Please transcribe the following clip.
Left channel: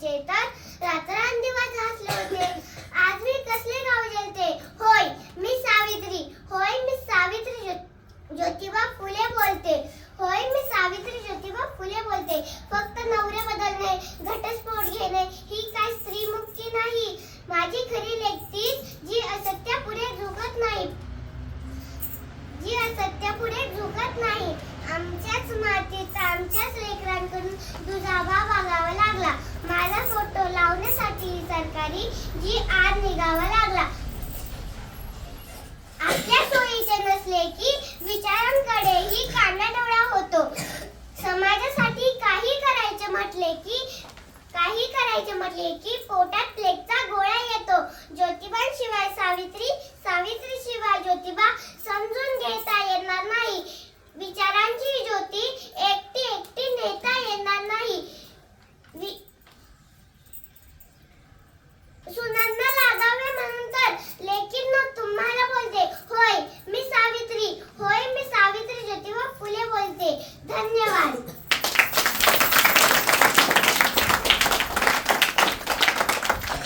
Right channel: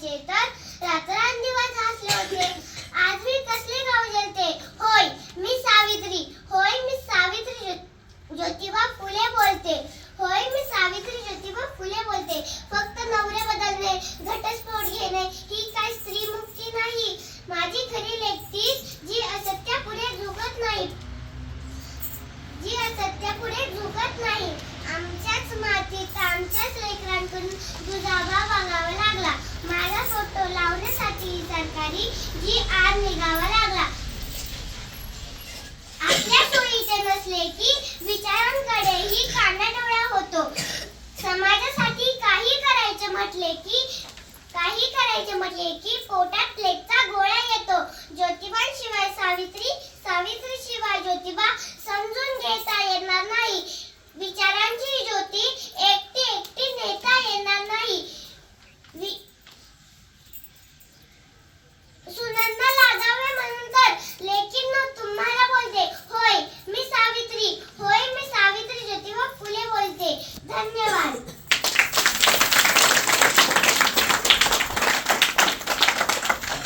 त्याचे तर रात्रंदिवस हसले होते. आज मी कसले गाव होय मी सावित्री. होय मी सावित्री ज्योतिबा फुले बोलते. होय मी सावित्री ज्योतिबा फुले बोलते. फक्त नवरे बदलणे घटस्फोट घेणे ही काय नाही. माझी खरी लेखतीच जी असत्यापुढे झुकत नाही. जी असत्यापुढे झुकत नाही. आमच्याच मातीत आमच्याच लेकरांकडून दुजाबा लागला. माझा फोटो लावण्यासाठी सरकारी जी आर निघावा लागला. आपल्या सोयीचे नसले की विचारांकडेही कानाडोळा होतो. समाजासाठी काही करायचे म्हटले की काही करायचे म्हटले की पोटात प्लेगचा गोळा येतो.